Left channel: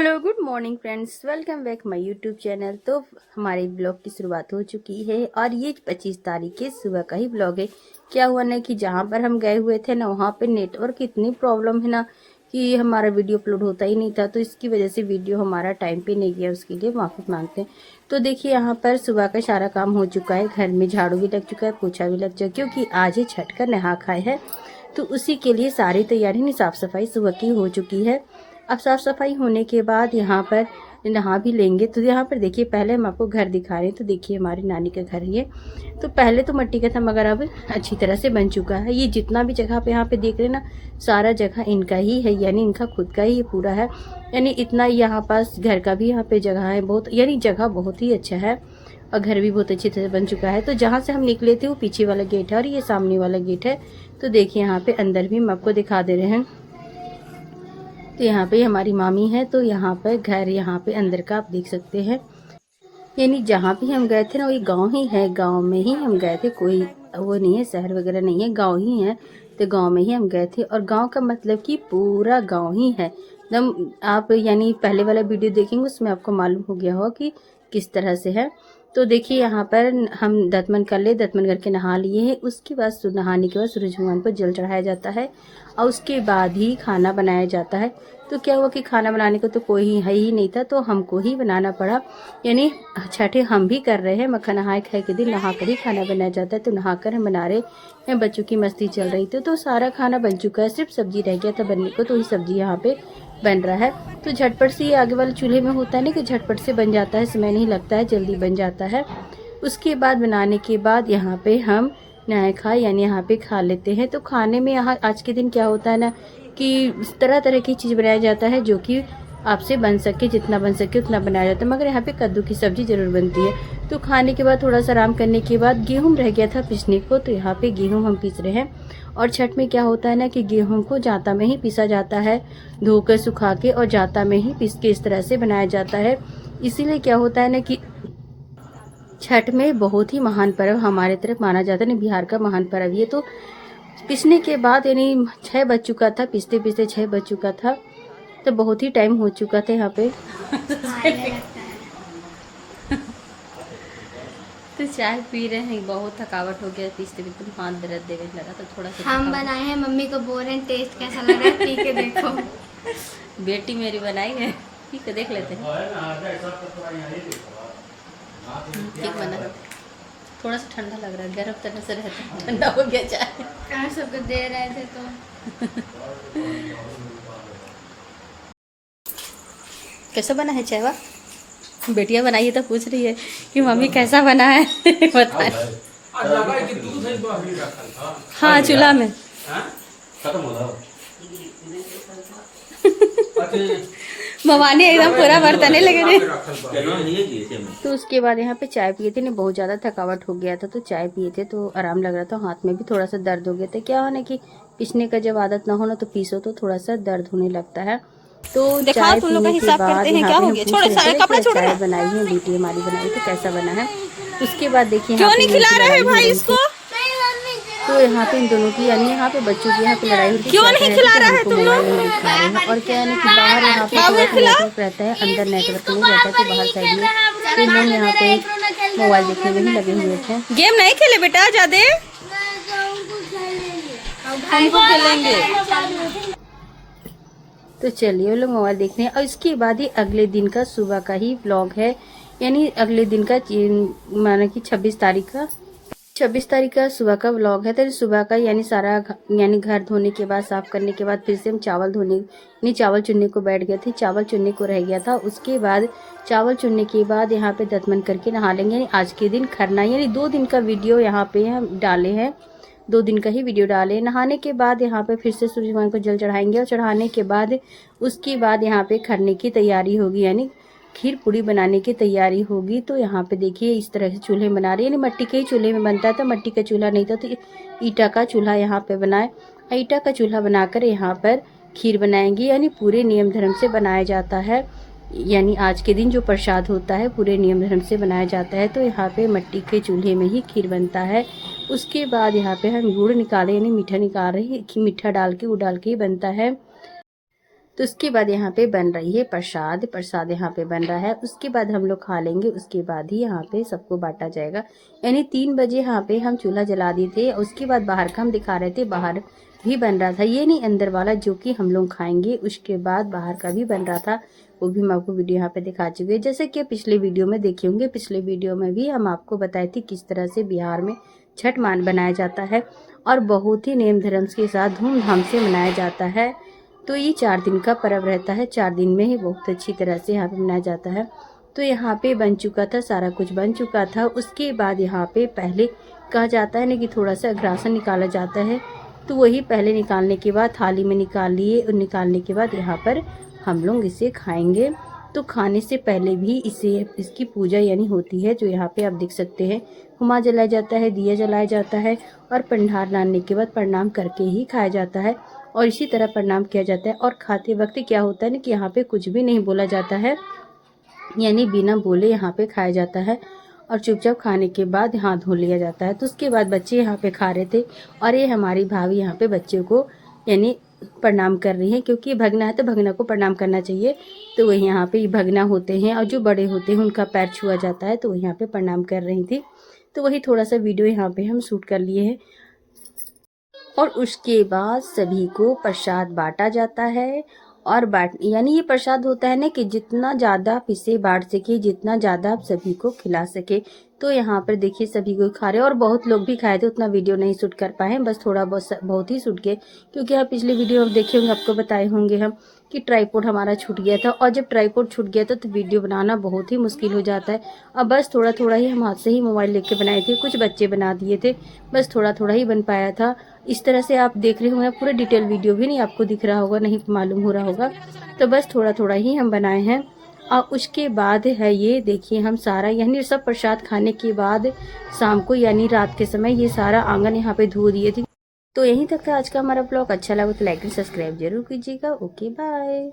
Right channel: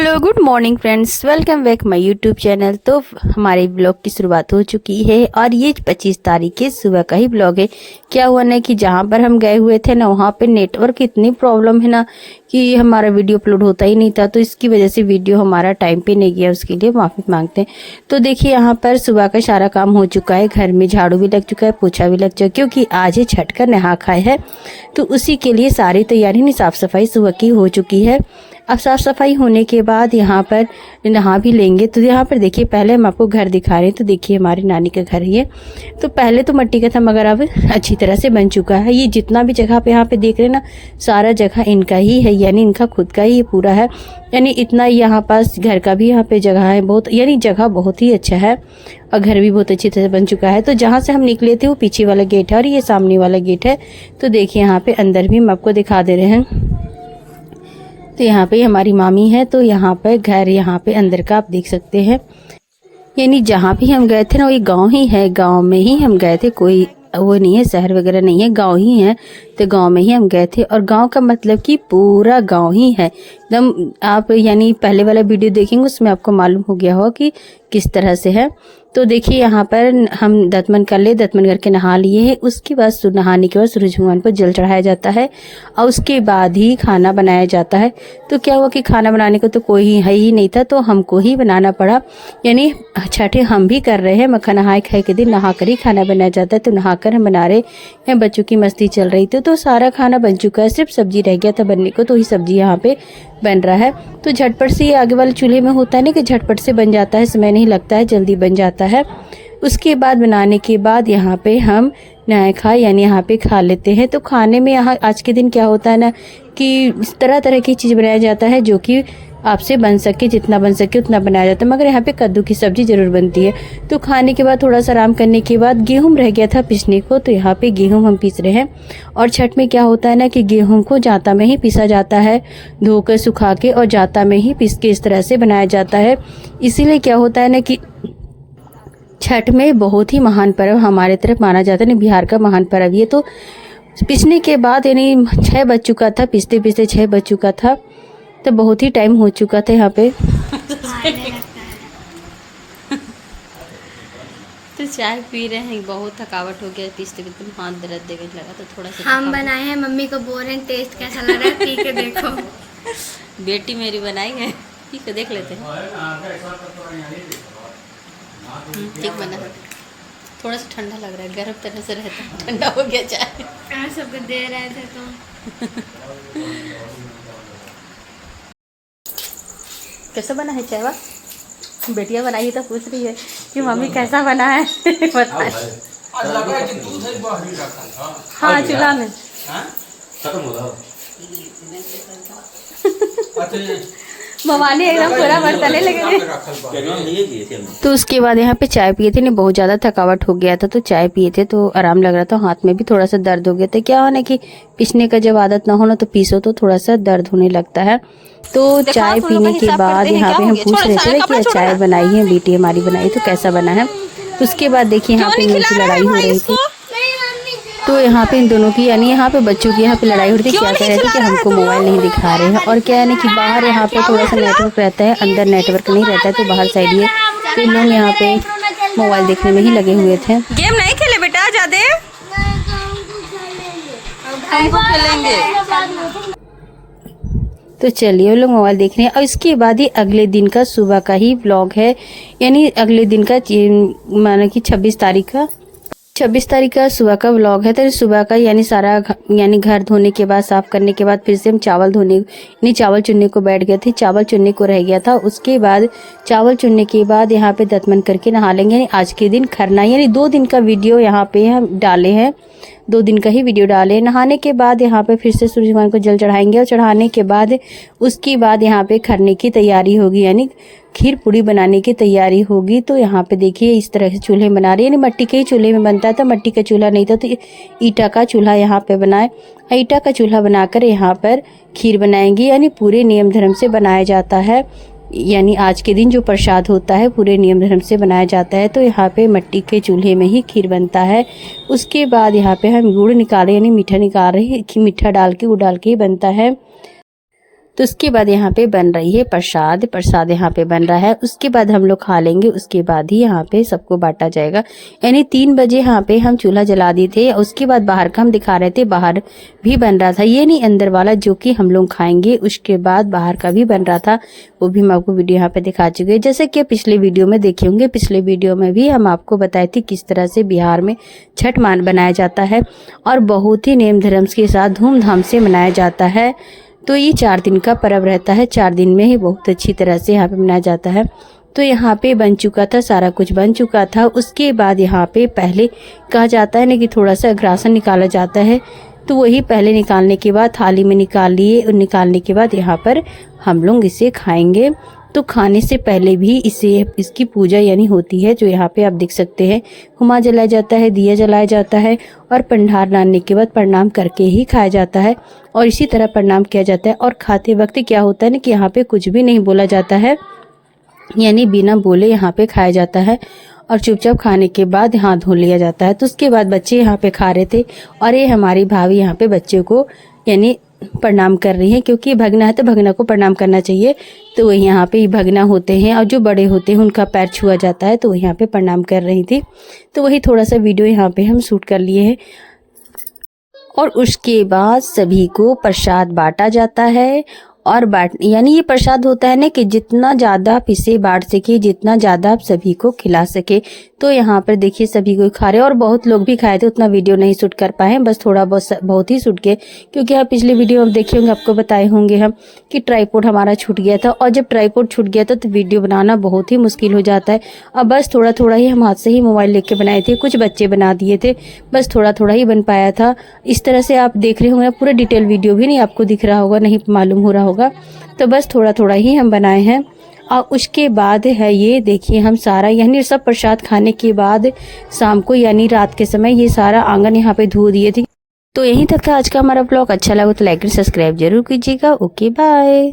Hello good morning friends, welcome back my YouTube channel. तो हमारे blog की शुरुआत हो चुकी है और ये 25 तारीख के सुबह का ही ब्लॉग है। क्या हुआ ना कि जहाँ पर हम गए हुए थे ना वहाँ पे नेटवर्क इतनी प्रॉब्लम है ना कि हमारा वीडियो अपलोड होता ही नहीं था, तो इसकी वजह से वीडियो हमारा टाइम पे नहीं गया, उसके लिए माफ़ी मांगते हैं। तो देखिए यहाँ पर सुबह का सारा काम हो चुका है, घर में झाड़ू भी लग चुका है, पोछा भी लग चुका है, क्योंकि आज ही छठ का नहा खाए है, तो उसी के लिए सारी तैयारी नहीं साफ़ सफाई सुबह की हो चुकी है। अब साफ़ सफाई होने के बाद यहाँ पर नहा भी लेंगे। तो यहाँ पर देखिए, पहले हम आपको घर दिखा रहे हैं। तो देखिए हमारी नानी का घर ये, तो पहले तो मिट्टी का था मगर अब अच्छी तरह से बन चुका है। ये जितना भी जगह पे यहाँ पे देख रहे हैं ना, सारा जगह इनका ही है, यानी इनका खुद का ही पूरा है। यानी इतना यहाँ पास घर का भी यहाँ पे जगह है बहुत, यानी जगह बहुत ही अच्छा है और घर भी बहुत अच्छी तरह बन चुका है। तो जहाँ से हम निकले थे वो पीछे वाला गेट है और ये सामने वाला गेट है। तो देखिए यहाँ पे अंदर भी हम आपको दिखा दे रहे हैं। तो यहाँ पे हमारी मामी है, तो यहाँ पर घर यहाँ पे अंदर का आप देख सकते हैं। यानी जहाँ भी हम गए थे ना, वो गांव ही है, गांव में ही हम गए थे, कोई वो नहीं है, शहर वगैरह नहीं है, गांव ही है। तो गांव में ही हम गए थे और गांव का मतलब कि पूरा गांव ही है एकदम। आप यानी पहले वाला वीडियो देखेंगे उसमें आपको मालूम हो गया होगा कि किस तरह से है। तो देखिए यहाँ पर हम दतमन कर ले, दतमन करके नहा लिए हैं। उसके बाद नहाने के बाद सूरज भगवान पर जल चढ़ाया जाता है और उसके बाद ही खाना बनाया जाता है। तो क्या हुआ कि खाना बनाने को तो कोई है ही नहीं था, तो हमको ही बनाना पड़ा। यानी छठे हम भी कर रहे हैं, मक्खा नहाए खाए के दिन नहा कर ही खाना बनाया जाता है। तो नहा कर हम बना रहे हैं, बच्चों की मस्ती चल रही थी। तो सारा खाना बन चुका है, सिर्फ सब्जी रह गया था बनने को, तो वही सब्जी यहाँ पे बन रहा है। तो झटपट से ये आगे वाले चूल्हे में होता है ना कि झटपट से बन जाता है, समय नहीं लगता है, जल्दी बन जाता है। उसके बाद बनाने के बाद यहाँ पे हम नहाए खाए यानी यहाँ पे खा लेते हैं। तो खाने में यहाँ आज के दिन क्या होता है ना कि तरह तरह की चीज़ बनाया जाता है, जो कि आपसे बन सके, जितना बन सके उतना बनाया जाता है। मगर यहाँ पे कद्दू की सब्ज़ी ज़रूर बनती है। तो खाने के बाद थोड़ा सा आराम करने के बाद गेहूँ रह गया था पीसने को, तो यहाँ पे गेहूँ हम पीस रहे हैं। और छठ में क्या होता है ना कि गेहूँ को जाता में ही पीसा जाता है, धोकर सुखा के और जाता में ही पीस के इस तरह से बनाया जाता है। इसीलिए क्या होता है ना कि छठ में बहुत ही महान पर्व हमारे तरफ माना जाता है, बिहार का महान पर्व ये। तो पीसने के बाद यानी 6 बज चुका था, पीसते पीसते 6 बज चुका था, तो बहुत ही टाइम हो चुका था यहाँ पे। तो चाय पी रहे हैं, बहुत थकावट हो गया, पीसते पीसते हाथ दर्द देने लगा, तो थोड़ा सा हम बनाए हैं, मम्मी को बोल रहे हैं टेस्ट कैसा लग रहा है, पी के देखो। बेटी मेरी बनाई है, पी के देख लेते हैं। ठीक बना है, थोड़ा सा ठंडा लग रहा है, गर्म तरह से रहता है, ठंडा हो गया चाय। सबको दे रहे थे तो कैसा बना है चाय? वाह, बेटिया बनाई है तो पूछ रही है कि मम्मी कैसा बना है। बताए। हाँ, चूल्हा में मवानी एकदम पूरा बर्तन लगे। तो उसके बाद यहाँ पे चाय पिए थे, नहीं बहुत ज़्यादा थकावट हो गया था, तो चाय पिए थे तो आराम लग रहा था, हाथ में भी थोड़ा सा दर्द हो गया था। क्या होना कि पीसने का जब आदत ना हो ना, तो पीसो तो थोड़ा सा दर्द होने लगता है। तो चाय पीने के बाद यहाँ पे हम पूछ रहे थे कि चाय बनाई है बेटी हमारी बनाई, तो कैसा बना है। उसके बाद देखिए यहाँ पे इनकी लड़ाई हो रही थी। तो यहाँ पे इन दोनों की यानी यहाँ पे बच्चों की यहाँ पे लड़ाई हो रही थी, क्या कह रहे थे कि हमको मोबाइल नहीं दिखा रहे हैं, और क्या है ना कि बाहर यहाँ पे थोड़ा सा नेटवर्क रहता है, अंदर नेटवर्क नहीं रहता है, तो बाहर साइड ये तो इन लोग यहाँ पे मोबाइल देखने में ही लगे हुए थे। गेम नहीं खेले बेटा, ज्यादा हमको खेलेंगे। तो चलिए वो लोग मोबाइल देख रहे हैं। और इसके बाद ही अगले दिन का सुबह का ही व्लॉग है, यानी अगले दिन का माना कि 26 तारीख का सुबह का व्लॉग है। तो सुबह का यानी सारा यानी घर धोने के बाद, साफ करने के बाद फिर से हम चावल धोने यानी चावल चुनने को बैठ गए थे, चावल चुनने को रह गया था। उसके बाद चावल चुनने के बाद यहाँ पे दतमन करके नहा लेंगे, यानी आज के दिन खरना, यानी 2 दिन का वीडियो यहाँ पे हम डाले हैं, 2 दिन का ही वीडियो डाले। नहाने के बाद यहाँ पे फिर से सूरज भगवान को जल चढ़ाएंगे और चढ़ाने के बाद उसके बाद यहाँ पे खरने की तैयारी होगी, यानी खीर पूड़ी बनाने की तैयारी होगी। तो यहाँ पे देखिए इस तरह से चूल्हे बना रही है, यानी मिट्टी के ही चूल्हे में बनता था, मिट्टी का चूल्हा नहीं था तो ईटा का चूल्हा यहाँ पे बनाए। ईटा का चूल्हा बनाकर यहाँ पर खीर बनाएंगे, यानी पूरे नियम धर्म से बनाया जाता है, यानी आज के दिन जो प्रसाद होता है पूरे नियम धर्म से बनाया जाता है। तो यहाँ पे मिट्टी के चूल्हे में ही खीर बनता है। उसके बाद यहाँ पे हम गुड़ निकाले, यानी मीठा निकाल रहे हैं, मीठा डाल के गुड़ डाल के ही बनता है। तो उसके बाद यहाँ पे बन रही है प्रसाद। प्रसाद यहाँ पे बन रहा है, उसके बाद हम लोग खा लेंगे, उसके बाद ही यहाँ पे सबको बांटा जाएगा। यानी 3 बजे यहाँ पे हम चूल्हा जला दिए थे। उसके बाद बाहर का हम दिखा रहे थे, बाहर भी बन रहा था, ये नहीं अंदर वाला जो कि हम लोग खाएंगे। उसके बाद बाहर का भी बन रहा था, वो भी मैं आपको वीडियो यहाँ पे दिखा चुकी है। जैसे कि पिछले वीडियो में देखे होंगे, पिछले वीडियो में भी हम आपको बताए थे किस तरह से बिहार में छठ मान बनाया जाता है और बहुत ही नेम धर्म के साथ धूमधाम से मनाया जाता है। तो ये 4 दिन का पर्व रहता है, 4 दिन में ही बहुत अच्छी तरह से यहाँ पे मनाया जाता है। तो यहाँ पे बन चुका था, सारा कुछ बन चुका था। उसके बाद यहाँ पे पहले कहा जाता है ना कि थोड़ा सा अग्रासन निकाला जाता है, तो वही पहले निकालने के बाद थाली में निकाल लिए और निकालने के बाद यहाँ पर हम लोग इसे खाएंगे। तो खाने से पहले भी इसकी पूजा यानी होती है, जो यहाँ पे आप देख सकते हैं। हुमा जलाया जाता है, दिया जलाया जाता है और पंडार डालने के बाद प्रणाम करके ही खाया जाता है। और इसी तरह प्रणाम किया जाता है। और खाते वक्त क्या होता है ना कि यहाँ पे कुछ भी नहीं बोला जाता है, यानी बिना बोले यहाँ पे खाया जाता है और चुपचाप खाने के बाद हाथ धो लिया जाता है। तो उसके बाद बच्चे यहाँ पे खा रहे थे और ये हमारी भाभी यहाँ पे बच्चे को यानी प्रणाम कर रही है, क्योंकि भगना है तो भगना को प्रणाम करना चाहिए। तो वही यहाँ पे भगना होते हैं और जो बड़े होते हैं उनका पैर छुआ जाता है, तो वही यहाँ पे प्रणाम कर रही थी। तो वही थोड़ा सा वीडियो यहाँ पे हम शूट कर लिए हैं। और उसके बाद सभी को प्रसाद बांटा जाता है। और यानी ये प्रसाद होता है ना कि जितना ज़्यादा आप इसे बांट सके, जितना ज़्यादा आप सभी को खिला सके। तो यहाँ पर देखिए सभी कोई खा रहे हैं और बहुत लोग भी खाए थे, उतना वीडियो नहीं शूट कर पाए, बस थोड़ा बहुत ही शूट किए, क्योंकि आप पिछले वीडियो में देखे होंगे, आपको बताए होंगे हम कि ट्राइपॉड हमारा छूट गया था। और जब ट्राइपॉड छूट गया था तो वीडियो बनाना बहुत ही मुश्किल हो जाता है। अब बस थोड़ा थोड़ा ही हम हाथ से ही मोबाइल लेके बनाए थे, कुछ बच्चे बना दिए थे, बस थोड़ा थोड़ा ही बन पाया था। इस तरह से आप देख रहे होंगे, पूरा डिटेल वीडियो भी नहीं आपको दिख रहा होगा, नहीं मालूम हो रहा होगा। तो बस थोड़ा थोड़ा ही हम बनाए हैं। और उसके बाद है ये देखिए, हम सारा यानी सब प्रसाद खाने के बाद शाम को यानी रात के समय ये सारा आंगन यहाँ पे धो दिए थे। तो यहीं तक था आज का हमारा ब्लॉग। अच्छा लगा तो लाइक और सब्सक्राइब जरूर कीजिएगा। Okay bye.